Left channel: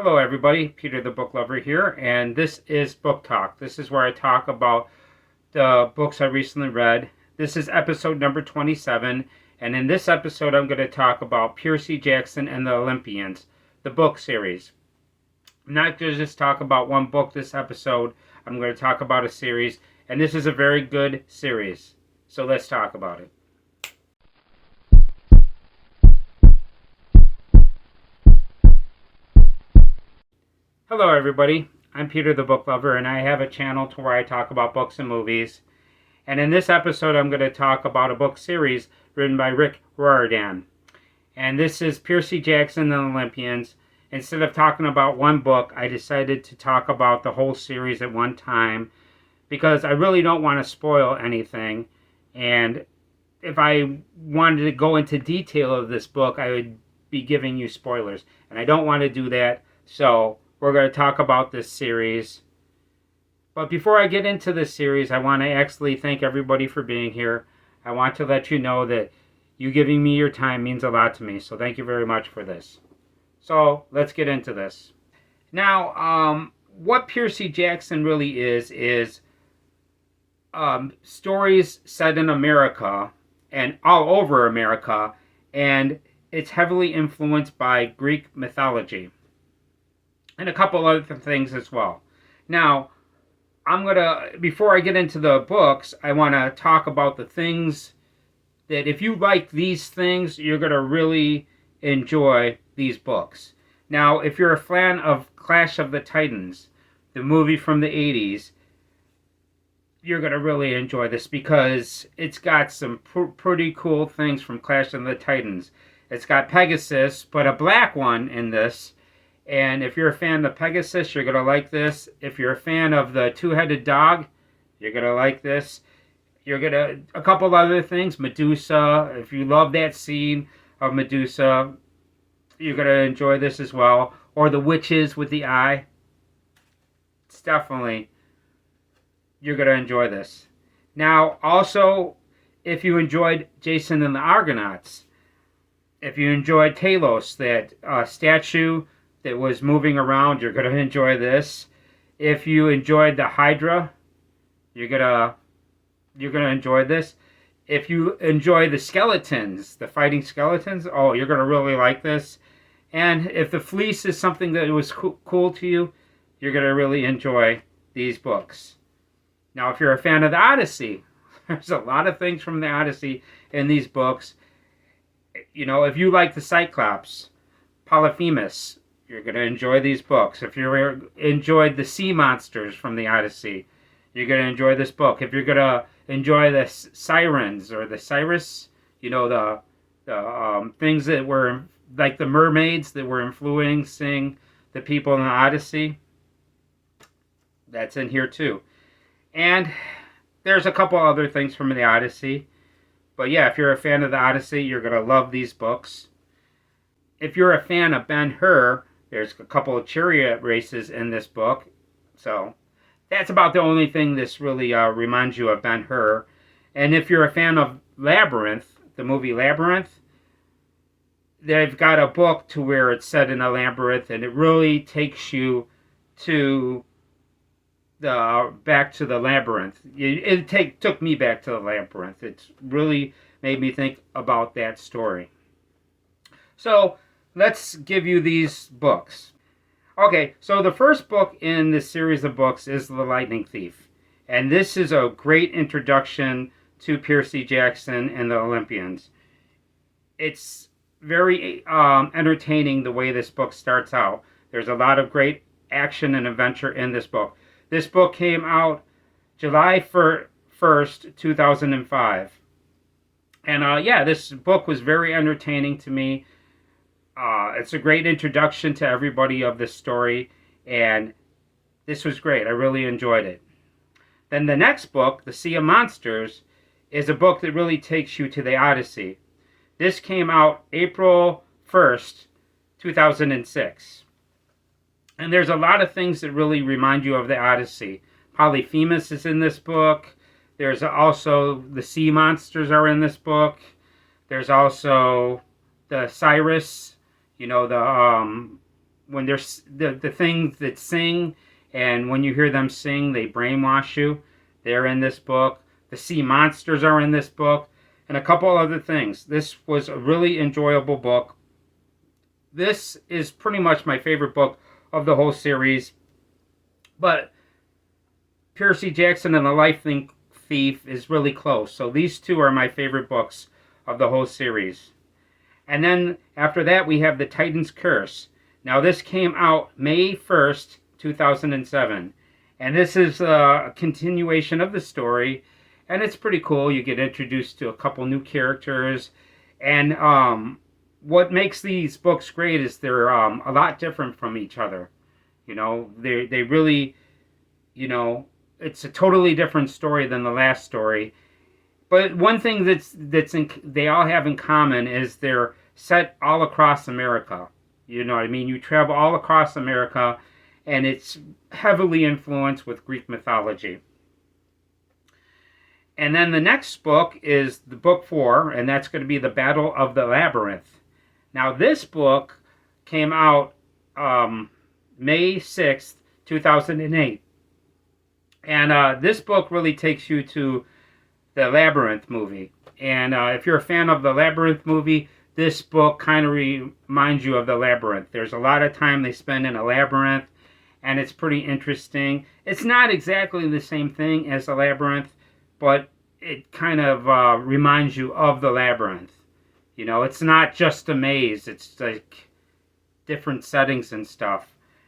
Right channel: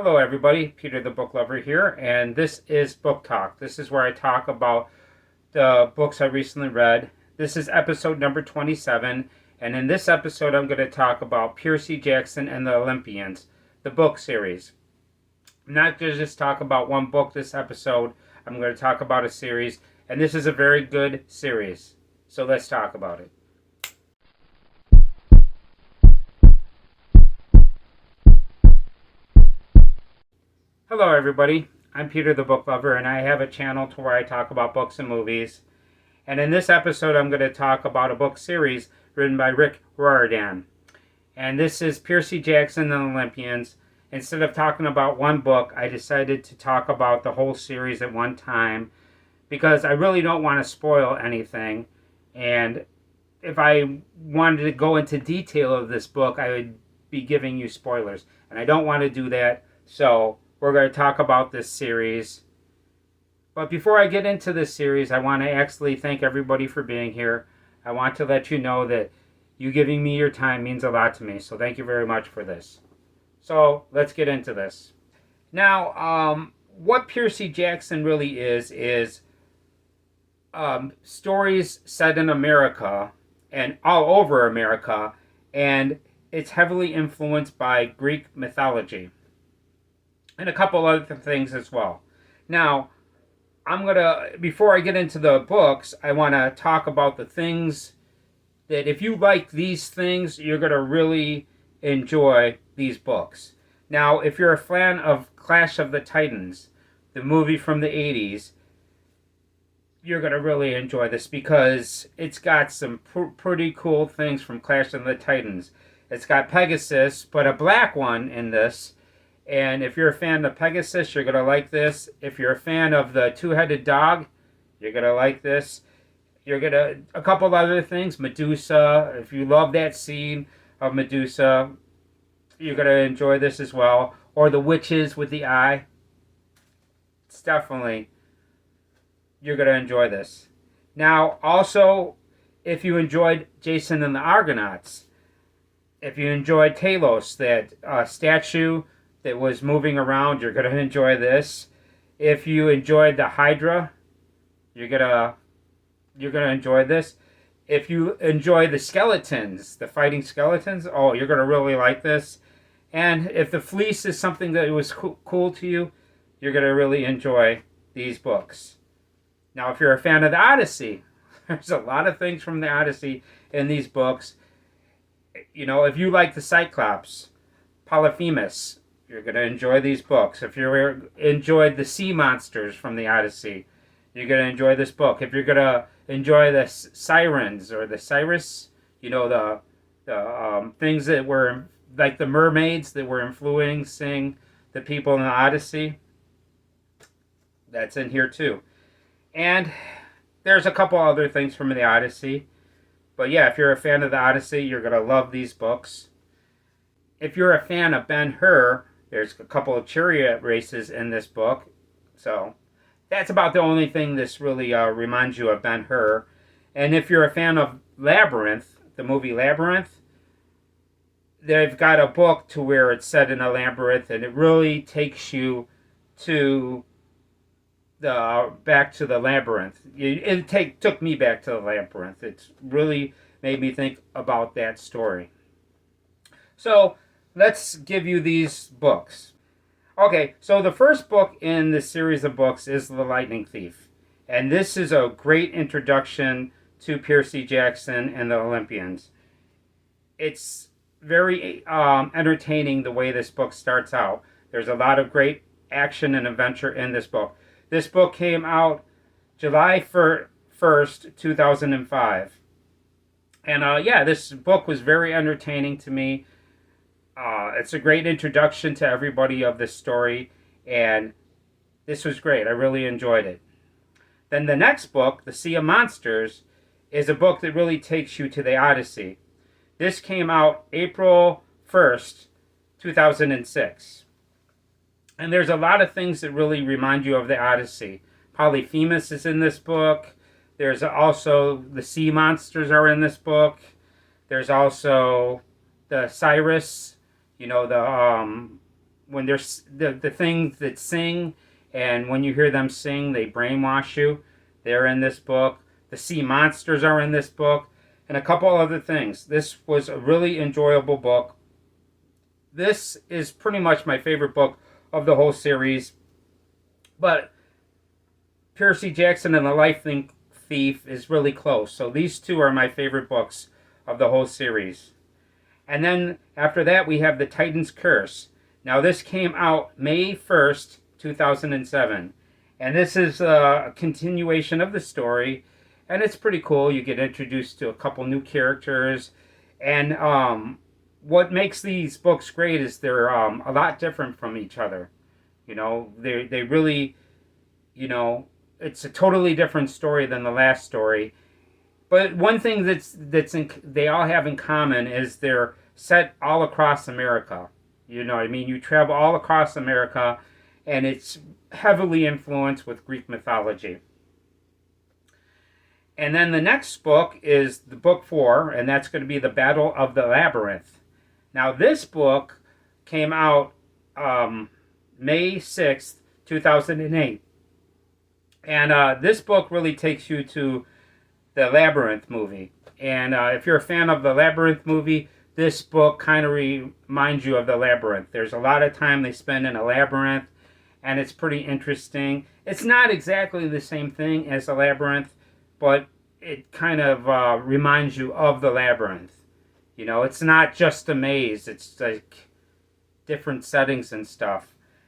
Hello everybody, Peter the Booklover here, and this is Book Talk. This is where I talk about the books I recently read. This is episode number 27, and in this episode I'm going to talk about Percy Jackson and the Olympians, the book series. I'm not going to just talk about one book this episode, I'm going to talk about a series, and this is a very good series. So let's talk about it. Hello everybody, I'm Peter the Booklover, and I have a channel to where I talk about books and movies. And in this episode I'm going to talk about a book series written by Rick Riordan. And this is Percy Jackson and the Olympians. Instead of talking about one book, I decided to talk about the whole series at one time because I really don't want to spoil anything. And if I wanted to go into detail of this book, I would be giving you spoilers. And I don't want to do that, so we're going to talk about this series. But before I get into this series, I want to actually thank everybody for being here. I want to let you know that you giving me your time means a lot to me. So thank you very much for this. So let's get into this. Now, what Percy Jackson really is stories set in America and all over America. And it's heavily influenced by Greek mythology and a couple other things as well. Now, before I get into the books, I want to talk about the things that if you like these things, you're going to really enjoy these books. Now, if you're a fan of Clash of the Titans, the movie from the 80s, you're going to really enjoy this because it's got some pretty cool things from Clash of the Titans. It's got Pegasus, but a black one in this. And if you're a fan of Pegasus, you're going to like this. If you're a fan of the two-headed dog, you're going to like this. A couple other things, Medusa. If you love that scene of Medusa, you're going to enjoy this as well. Or the witches with the eye. It's definitely, you're going to enjoy this. Now, also, if you enjoyed Jason and the Argonauts, if you enjoyed Talos, that statue that was moving around, you're going to enjoy this. If you enjoyed the Hydra, you're going to enjoy this. If you enjoy the skeletons, the fighting skeletons, oh, you're going to really like this. And if the fleece is something that was cool to you, you're going to really enjoy these books. Now, if you're a fan of the Odyssey, there's a lot of things from the Odyssey in these books. You know, if you like the Cyclops, Polyphemus, you're going to enjoy these books. If you enjoyed the sea monsters from the Odyssey, you're going to enjoy this book. If you're going to enjoy the sirens or the Cyrus, you know, the things that were like the mermaids that were influencing the people in the Odyssey, that's in here too. And there's a couple other things from the Odyssey. But yeah, if you're a fan of the Odyssey, you're going to love these books. If you're a fan of Ben-Hur, there's a couple of chariot races in this book. So that's about the only thing that's really reminds you of Ben-Hur. And if you're a fan of Labyrinth, the movie Labyrinth, they've got a book to where it's set in a labyrinth, and it really takes you to back to the labyrinth. It took me back to the labyrinth. It's really made me think about that story. So let's give you these books. Okay, so the first book in this series of books is The Lightning Thief. And this is a great introduction to Percy Jackson and the Olympians. It's very entertaining the way this book starts out. There's a lot of great action and adventure in this book. This book came out July 1st, 2005. And yeah, this book was very entertaining to me. It's a great introduction to everybody of this story, and this was great. I really enjoyed it. Then the next book, The Sea of Monsters, is a book that really takes you to the Odyssey. This came out April 1st, 2006. And there's a lot of things that really remind you of the Odyssey. Polyphemus is in this book. There's also the sea monsters are in this book. There's also the Cyrus, you know, when there's the things that sing, and when you hear them sing, they brainwash you. They're in this book. The sea monsters are in this book, and a couple other things. This was a really enjoyable book. This is pretty much my favorite book of the whole series, but Percy Jackson and the Life Thief is really close. So these two are my favorite books of the whole series. And then after that, we have The Titan's Curse. Now, this came out May 1st, 2007. And this is a continuation of the story. And it's pretty cool. You get introduced to a couple new characters. And what makes these books great is they're a lot different from each other. You know, they really, you know, it's a totally different story than the last story. But one thing they all have in common is they're set all across America. You know what I mean? You travel all across America, and it's heavily influenced with Greek mythology. And then the next book is the book 4, and that's going to be The Battle of the Labyrinth. Now, this book came out May 6th, 2008. And this book really takes you to the Labyrinth movie. And if you're a fan of the Labyrinth movie, this book kind of reminds you of the Labyrinth. There's a lot of time they spend in a labyrinth, and it's pretty interesting. It's not exactly the same thing as the Labyrinth, but it kind of reminds you of the Labyrinth. You know, it's not just a maze. It's like different settings and stuff.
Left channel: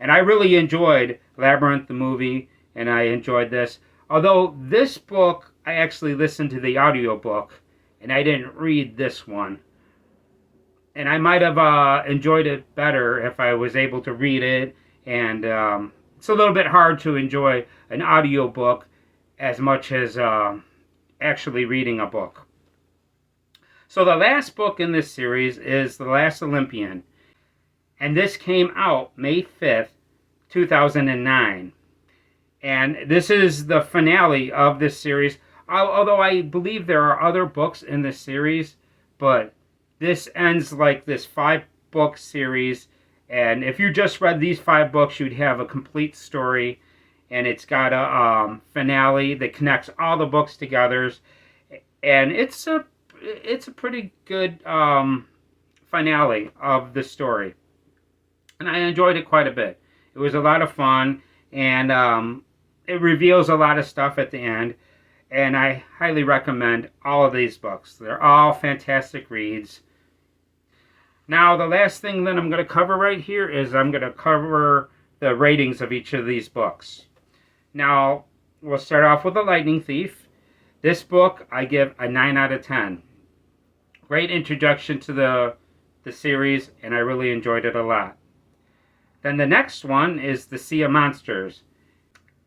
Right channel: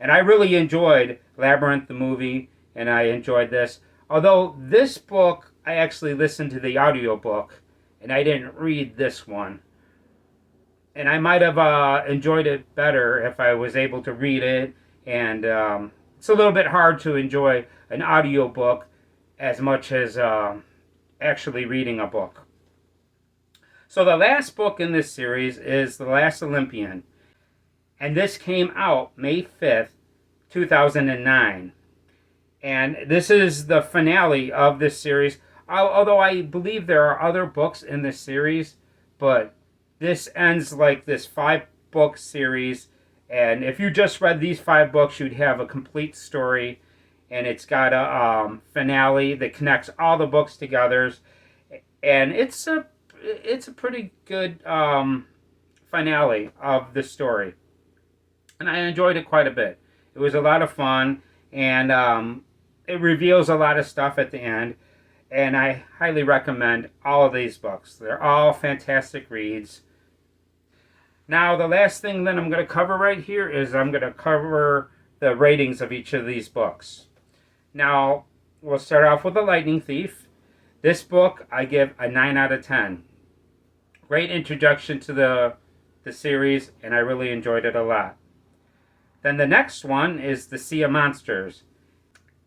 And I really enjoyed Labyrinth, the movie, and I enjoyed this. Although this book, I actually listened to the audiobook, and I didn't read this one. And I might have enjoyed it better if I was able to read it. And it's a little bit hard to enjoy an audiobook as much as actually reading a book. So the last book in this series is The Last Olympian. And this came out May 5th, 2009. And this is the finale of this series. Although I believe there are other books in this series, but this ends like this 5-book series. And if you just read these 5 books, you'd have a complete story. And it's got a finale that connects all the books together. And it's a pretty good finale of the story. And I enjoyed it quite a bit. It was a lot of fun. And it reveals a lot of stuff at the end. And I highly recommend all of these books. They're all fantastic reads. Now, the last thing that I'm going to cover right here is I'm going to cover the ratings of each of these books. Now, we'll start off with The Lightning Thief. This book, I give a 9 out of 10. Great introduction to the series, and I really enjoyed it a lot. Then the next one is The Sea of Monsters.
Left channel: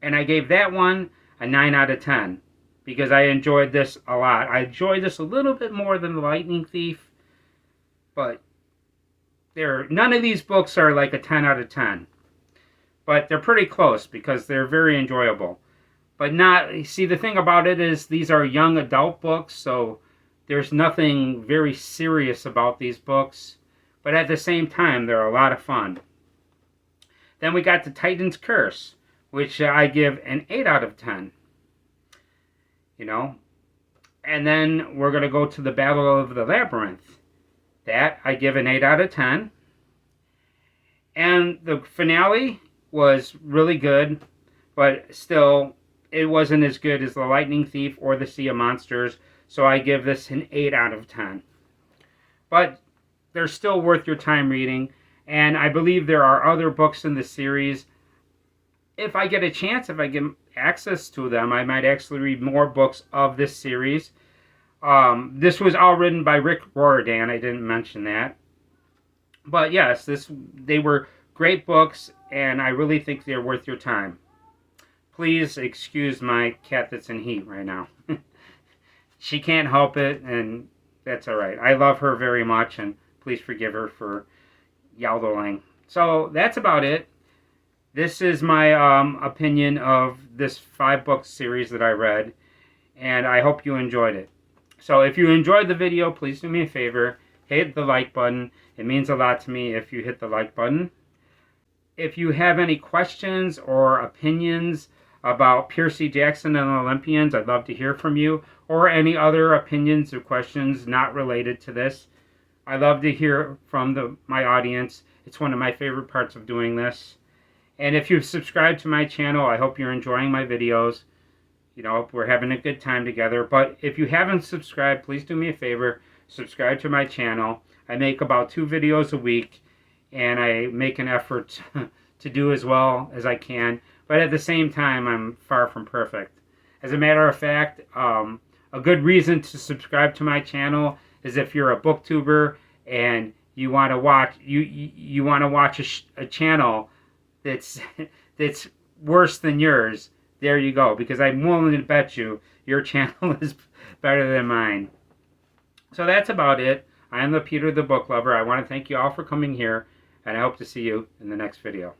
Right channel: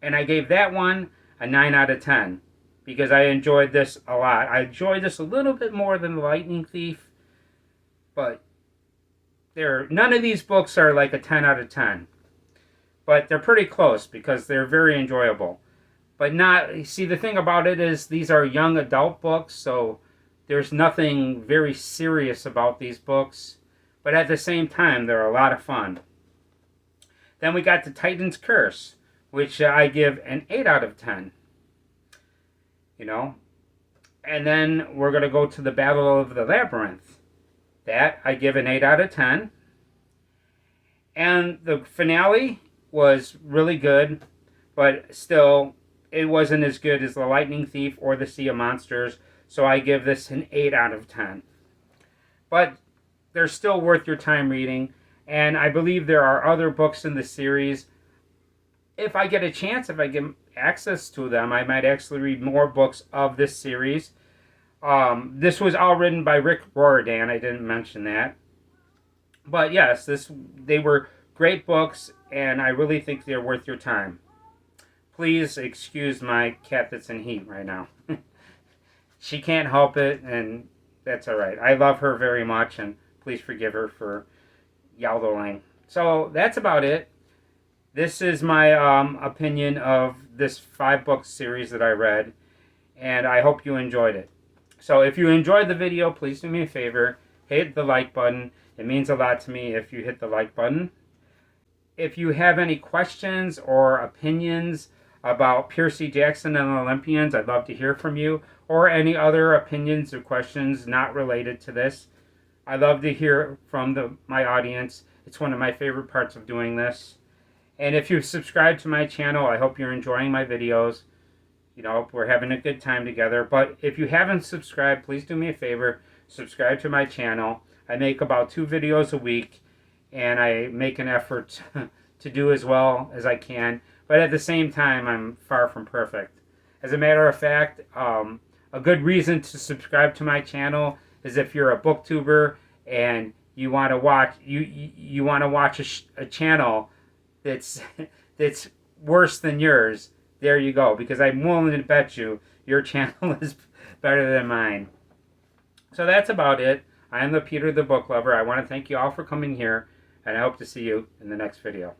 And I gave that one a 9 out of 10. Because I enjoyed this a lot. I enjoyed this a little bit more than The Lightning Thief. But none of these books are like a 10 out of 10. But they're pretty close because they're very enjoyable. But see, the thing about it is these are young adult books. So there's nothing very serious about these books. But at the same time, they're a lot of fun. Then we got The Titan's Curse, which I give an 8 out of 10. You know, and then we're going to go to The Battle of the Labyrinth. That I give an 8 out of 10. And the finale was really good, but still, it wasn't as good as The Lightning Thief or The Sea of Monsters, so I give this an 8 out of 10. But they're still worth your time reading, and I believe there are other books in the series. If I get a chance, if I get access to them, I might actually read more books of this series. This was all written by Rick Riordan. I didn't mention that. But yes, they were great books, and I really think they're worth your time. Please excuse my cat that's in heat right now. She can't help it, and that's all right. I love her very much, and please forgive her for yodeling. So that's about it. This is my opinion of this 5-book series that I read, and I hope you enjoyed it. So if you enjoyed the video, please do me a favor, hit the like button. It means a lot to me if you hit the like button. if you have any questions or opinions about Percy Jackson and the Olympians, I'd love to hear from you, or any other opinions or questions not related to this. I love to hear from my audience. It's one of my favorite parts of doing this. And if you've subscribed to my channel, I hope you're enjoying my videos. You know, we're having a good time together. But if you haven't subscribed, please do me a favor. Subscribe to my channel. I make about 2 videos a week, and I make an effort to do as well as I can. But at the same time, I'm far from perfect. As a matter of fact, a good reason to subscribe to my channel is if you're a booktuber and you want to watch a channel that's worse than yours. There you go, because I'm willing to bet you your channel is better than mine. So that's about it. I am the Peter the Booklover. I want to thank you all for coming here, and I hope to see you in the next video.